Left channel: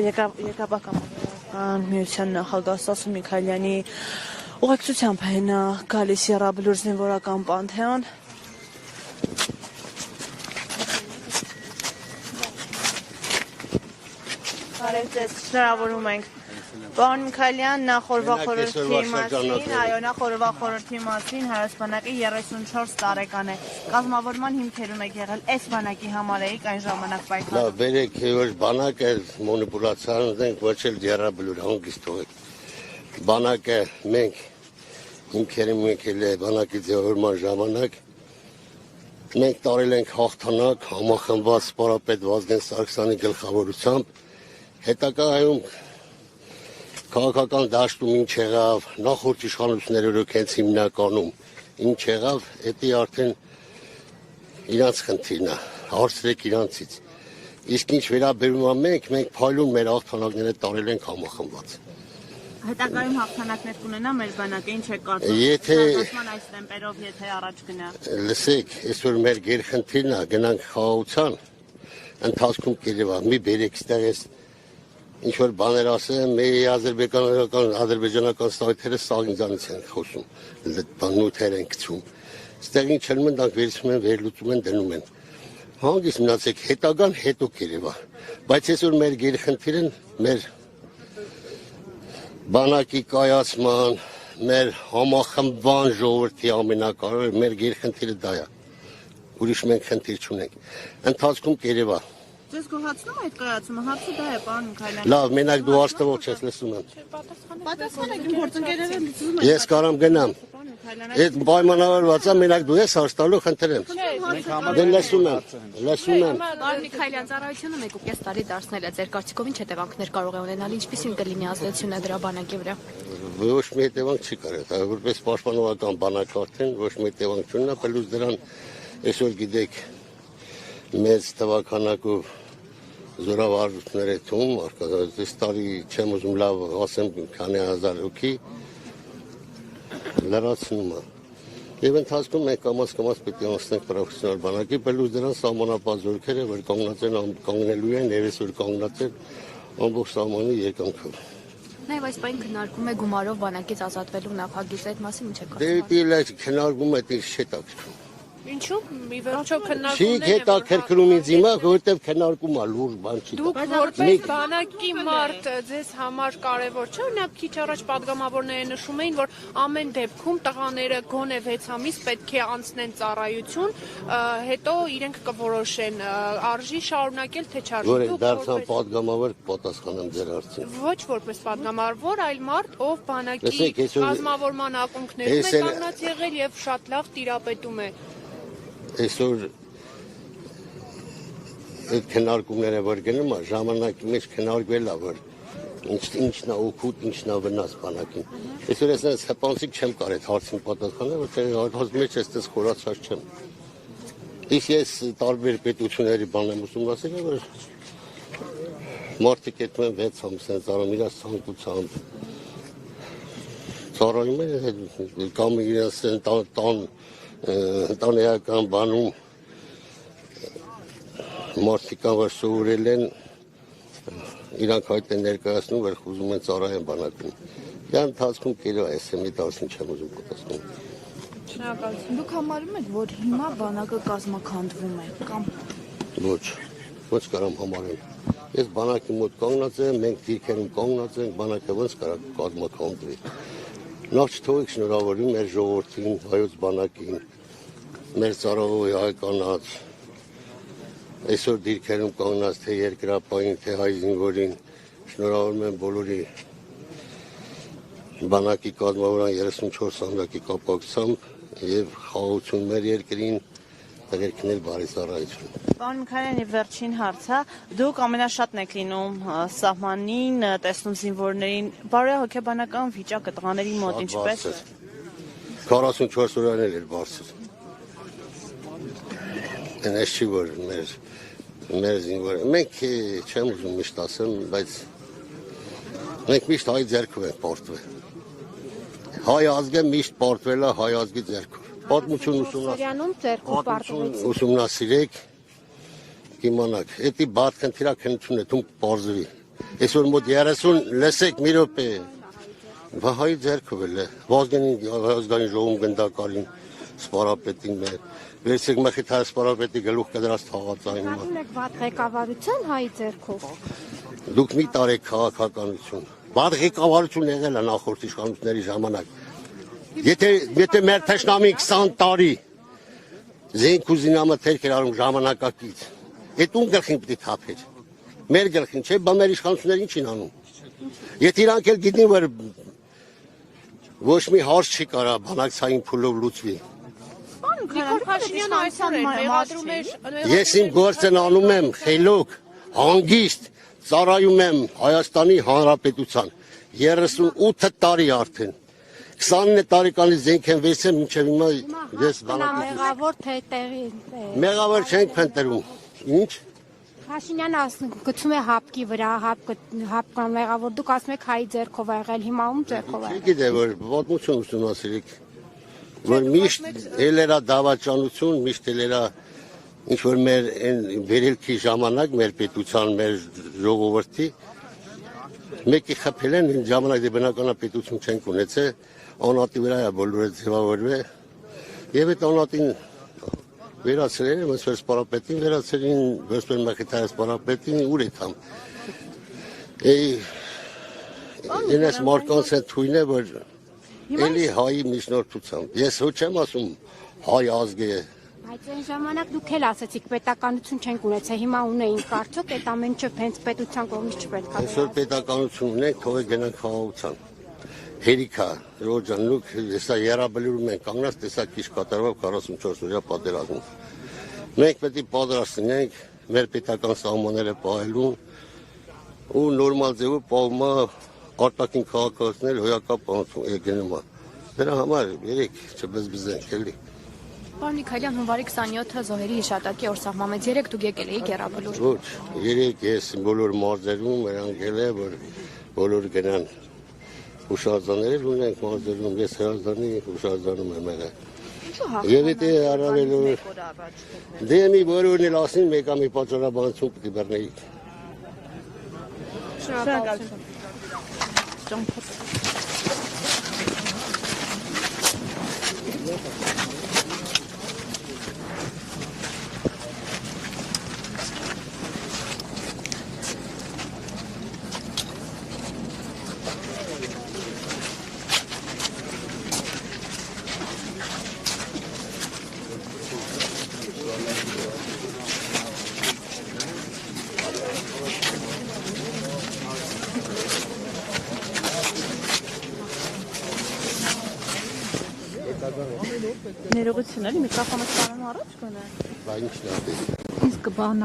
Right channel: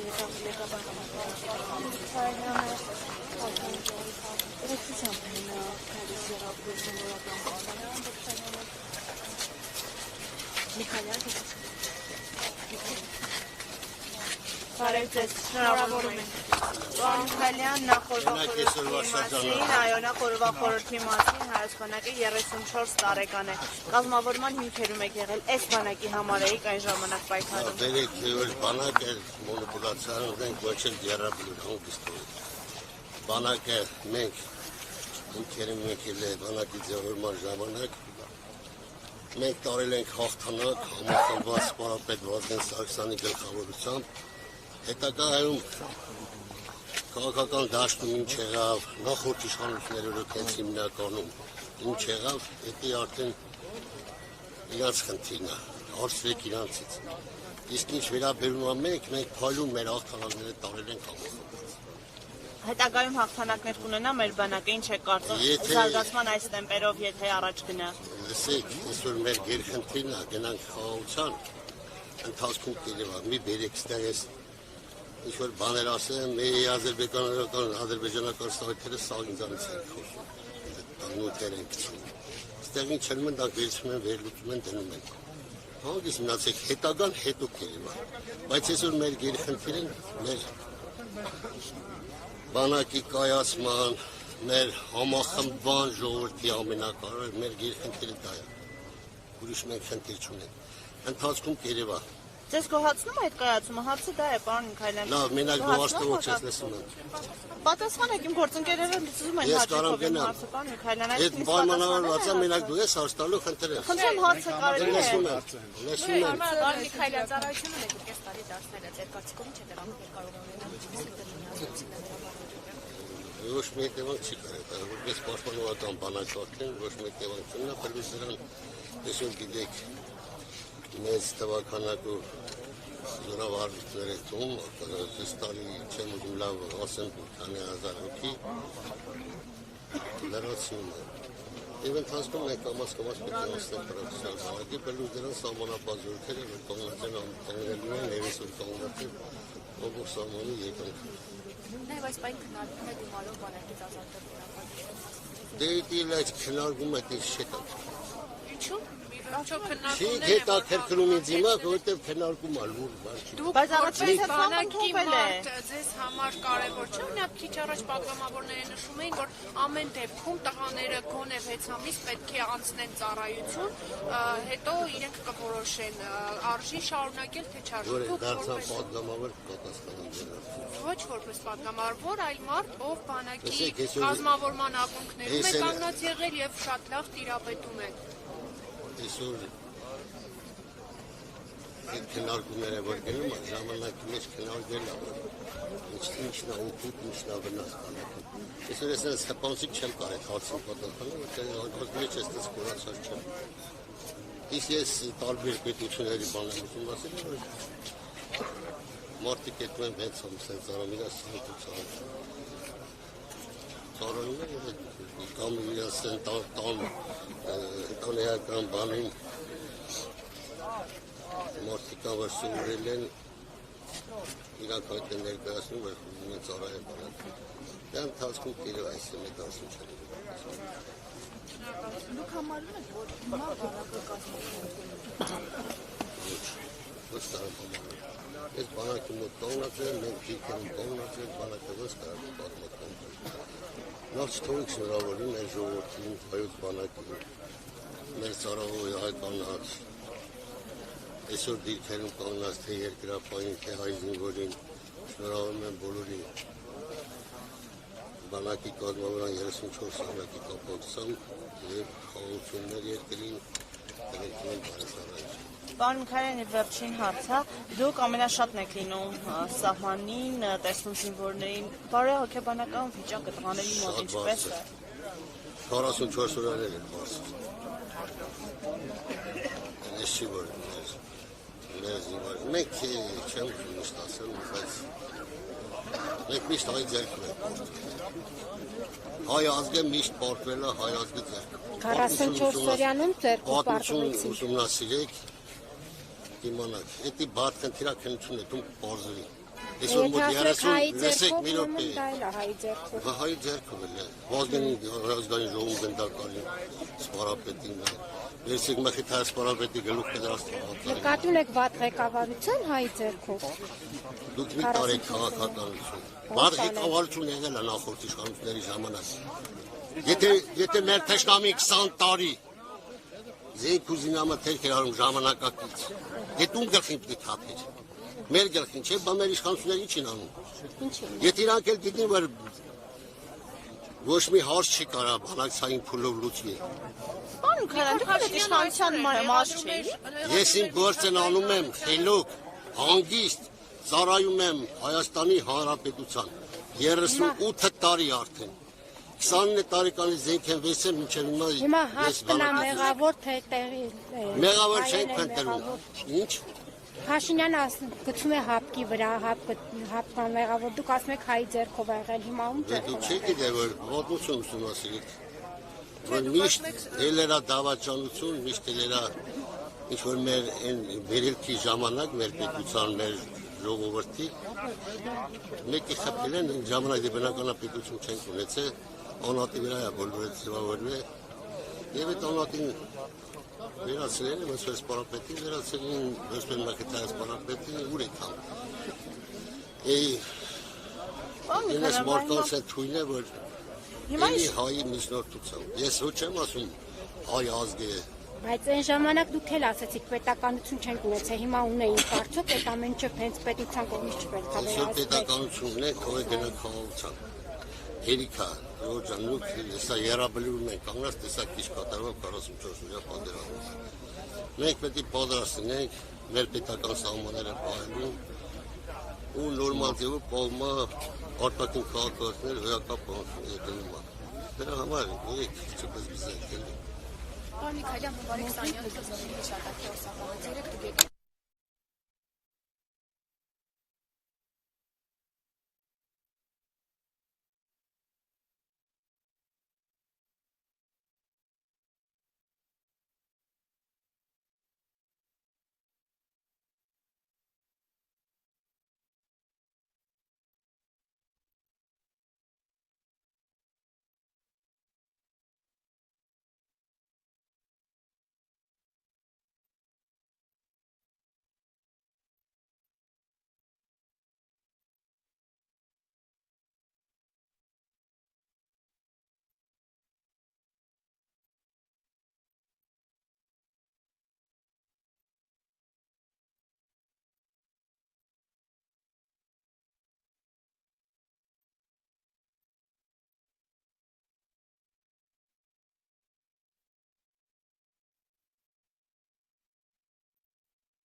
Եկաբակական միության նախագահ Սասուն Միքայելյանի ուղեկցությամբ են գալիս եռաբլուր զինվորական պանթեոն։ Շնորհավորում ենք պարոն Միքայելյան, նախորդ խորհրդի մասին, հայոց բանակի 34 տարեկան է։ Կազմավորման հիմքերում եք եղել, այս բանակի համար էիք այն ժամանակ պայքարում։ Բերեք որ բանակը մոնիպուլյացիան ունենք ոչ էլ եռաբլուր հանգիստ թողեք։ Բանակը մենք հիմքերում եկել է բանակի ձևավորման ժամանակ մենք տարել ենք հաղթանակ համախմբված սպորապետ Վազգեն Սարգսյանի գլխավորությամբ հետագայում քաղաքական դաշտում ինչ եղավ, նախորդ իշխանությունները ռոքենց հիմնականում ինչ եղավ, դա արդեն իրանց խնդիրն է, հարցրեք իրանցից։ Իսկ ինչ վերաբերում է մենք փայլուն մեր հաղթանակները տարել ենք համախմբված։ Հետագայում հաղթանակներ կունենա մեր բանակը, ինչ է կարծում զարգացման այս տեմպերով, եթե առաջ գնա։ Լսեք, այսօր մեր գերխնդիրն է, գնանք խաղաղության ընթացքում կերևա, մի բերեք ստեղես ինչ որ բաներ ասեմ, մի ադրբեջանական սայթերը սաղ ինձանից են խոսում, նյութեր են գցում։ Ստեղ ինչ չլում են, դրանք վերցնում են, վերլուծում են, դնում են։ Հանգիստ մնացեք, հետագան հետո կերևա։ Բայց այսօր մեր գերխնդիրն մեր բանակի կայացման, մեր համախմբման ժողովրդի ամենակարևորը մեր գերխնդիրը դա է։ Ուրիշ մենք խնդիր չունենք։ Ընթացքում կերևա։ Ձեզ գոհացնում է այդ կայացումը, հարցը դա է, պարոն Միքայելյան։ Լավ, մենակ դու աշտվող ես լսում եմ։ Պատասխանեք, իմ գործընկերները լսում են։ Ես կարամ գնամ։ Այդ պայմանավորված է, մենակ դու ես հաշտալու խնդրեմ։ Խնդրեմ հարցը կարելի է։ Լսում եմ։ Պարոն Միքայելյան, ծառայությունը 1.5 տարի դարձնել է, ձեր կարծիքով ինչ հետևանքներ կարող է ունենալ, ինչպիսին կլինի ազդեցությունը դրա բանակի վրա։ Ոչ մի հետևանք չի կարող, որպես պաշտպանողական բանակ արդեն ոչ մի հետևանք չունենա, պլյուս դրան այսօր գիտեք մեծ տվականակով զորավարժություններ է թվում, այս տարի չեմ ուզում լավ ասեմ քանի հազար հոգի լրացնում է։ Եվ ընթացքում մենք կամաց պետք է անցնենք պրոֆեսիոնալ բանակի, պլյուս դրան սահմանապատ զորքերը, որ կանգնելու են, եւ այսօր կանգնած են ամբողջ սահմանի եկանքով։ Նաև այս պայն քննարկում է գումարով բանակից ազատվելու նախագիծ, այդ մասին ինչ է կարծում։ Դե քննարկում է դե շետակ։ Ինչու՞։ Մի վերջո քննարկումներ։ Չի հետաքրքրում ինձ հիմա, որովհետև քննարկում է լուրջ բան չի։ Բայց որպես բանակի մարդ ձեզ համար կարևոր չէ, օրինակ քիչ առաջ падգամավորները նշում էին, որ ամեն դեպքում տղաները գոնե 6 ամիս պետք է անցնեն ծառայություն, հետո իրենք կորոշեն արժի շարունակել թե չարժի։ Որ դարձան падգամավոր պատասխանեմ ձեր հարցին։ Ոչ որպես падգամավոր, այլ մարդ, ով բանակի կազմավորման ակունքներում է կանգնած եղել եւ շատ լավ տիրապետում է։ Այսօր այդ քննարկումները որ գնում է, ժամանակի մեջ քննարկվել է, որ ինչն է օգուտ, ինչն է վնաս բանակին։ Այսօր ես հպանցիկ չեմ կարող այդ հարցին պատասխանել, որտեղ հազիվ մեջ էստես խորացած չեմ։ Իսկ ես տարբեր պետությունների բան եմ ուսումնասիրել, որ մարդիկ այդում են 6 ամիս են ծառայում իրաց ցանկությամբ։ Ծառայում են կամ իրաց ընտանեկան բանում մարդիկ որ սովորել են իրանք այդ են ներկայացնում, որ ուզում են ծառայեն բանակում։ Դա ընթացքում կերևա այս մի դասին չեմ ուզում պատասխանել։ Շնորհակալություն։ Դուք համարում եք, որ հիմա բանակը կազմաքանդվում է կամ ոչ կարամ համարել։ Ես բանակի մոտ կանգնած եմ, մենք գիրքերում կանգնած ենք, բանակը ոնց կարող կազմաքանդվի։ Նախ չթողեք շնորհավորի մեր ժողովրդին, հայոց բանակին, մեր ծառայողի հայկանաց, այսօր դիրքերում կանգնած թե երկրապահին, թե հայ զինվորին, շնորհավորում եմ բոլորի բանակի կազմավորման 34 ամյակի կապակցությամբ եւ խաղաղություն մեր երկրին, տղերքներ բարի ծառայություն։ Պարոն Միքայելյան, եւ վերջին հարցը, դուք ամենաշատն եք լինում սահմանին, տեսնում զինվորներին, բարոյահոգեբանական վիճակը տղաների մոտ ինչպես է։ 44 օրաներ էր բարձր։ Այս չի որ մեր զինվորը, մենք չեմ ուզում միշտ ասեմ, բայց մենք միշտ հայ ձեռքով ենք պարտվել։ Հայ ազգը միշտ պարտվել է հայ ազգի ձեռքով։ 44 օրյանում ձեռքով պարտվեցին։ Ուսումնասիրեք, իմանաք, դա բաց խնդիրակնություն է, դու պարզվի։ Այսօր մոտ 30 լսեք մի րոպե։ Վահայի ձեռքով էլ է։ Ազգային ժողովում գնդակալին սպարապետին է։ Վերցեք մխիթայ սպարապետի գլուխ կդրած թաղածային։ Նկատում եք վատ ղեկավարություն հայի ձեռքով։ Դուք մի տարեք քաղաքականություն։ Վատ ղեկավարություն եղել է նախորդ իշխանությունների ժամանակ։ Եթե մեր թշնամի 20 տարի զենք ու զինամթերք էր արում ժամանակակից, այդ ում գլխին պիտի թափեր։ Մեր գլխին չէ, բա մեր իշխանությունները ինչ են անում։ Եթե իրանք էլ գիտեն, որ ոչ մի հարց չի կարա բանակցային փուլով լուծվի։ Պարոն Քալյան, դուք այդ իշխանության մաս չէի։ Ես իմ գործն անում եմ խելոք, հանգիստ, ծառայում եմ Հայաստանի Հանրապետության 38 տարի արդեն։ 29 տարեկանից զենք են վեցել մինչև Հիմա հիմա հաշտն է մեղավոր թե տեղի։ մեղավոր չենք փնտրում։ Ինչ։ Փաշինյանը գցում է հապկի վրա, հապկան մեղավոր, դուք ասում եք հայի ձեռքով ա եղել, հիմա ում ձեռքով ա։ Չգիտեմ, որ պատմություն ուսումնասիրեք, որ միշտ ելերա դավաճանություն, միշտ ելերա ինչ որ մեր վերելքի ժամանակ, մեր պետության, մեր ժողովրդի մեկի խփել են ժամանակ դե բնականապետություն չենք ունեցել, անատի վրա է բոլորը ձևավորվել եւ այդ անատին վերացրել են, ոնց որ սպարապետին վերացրին, ոնց որ մխիթայ սպարապետին ուր է կամ։ Ինձ մարդկանց հետ թույն է, որ էլի հայի միջնորդությամբ։ Ես ոչ եմ ասում հայ ազգ է։ Բայց այն ժամանակ դուք էլ ասացիք պետականություն չենք ունեցել, հիմա ունեինք, արդյոք այդ ամեն ինչը հենց պետության կողմից չպետք է Այսօր պետականություն ունենք, թող է գնանք խաղաղության։ Հերիքա, Ռոջան, նուք հեսա երաբլուրում ենք կանգնած, տեսակ քիչ կատարվող 44 օրյա պատերազմում։ Մենք պետք է պատրաստենք մեր պետական սահմանները պահելու ու նորմալ ձևով պահում արտաքին քաղաքացիներ հոյակապ եկնում։ Դրա համար երեք չբզբզենք էլի։ Պարոն Միքայելյան, հունվարի 27-ը զոհերի հիշատակի օր սահմանվեց, 3 դուք եկել էիք Եռաբլուր։ Ոչ, երեք ես բոլոր մարզերում երանքել է, որ բոլոր գնան ուշարձաններ ունենք մարզերում, ես հրազդանի ուշարձանում եմ եղել։ Եվ եթե առավել դե մի բոլորն էլ ասին մեկա մի պատճառաբանություն պիտի բռնեիք։ Ներողություն էլի, միկրոֆոնը ստանում առաջ կոնե։ Բա ինչն է։ Իսկ բան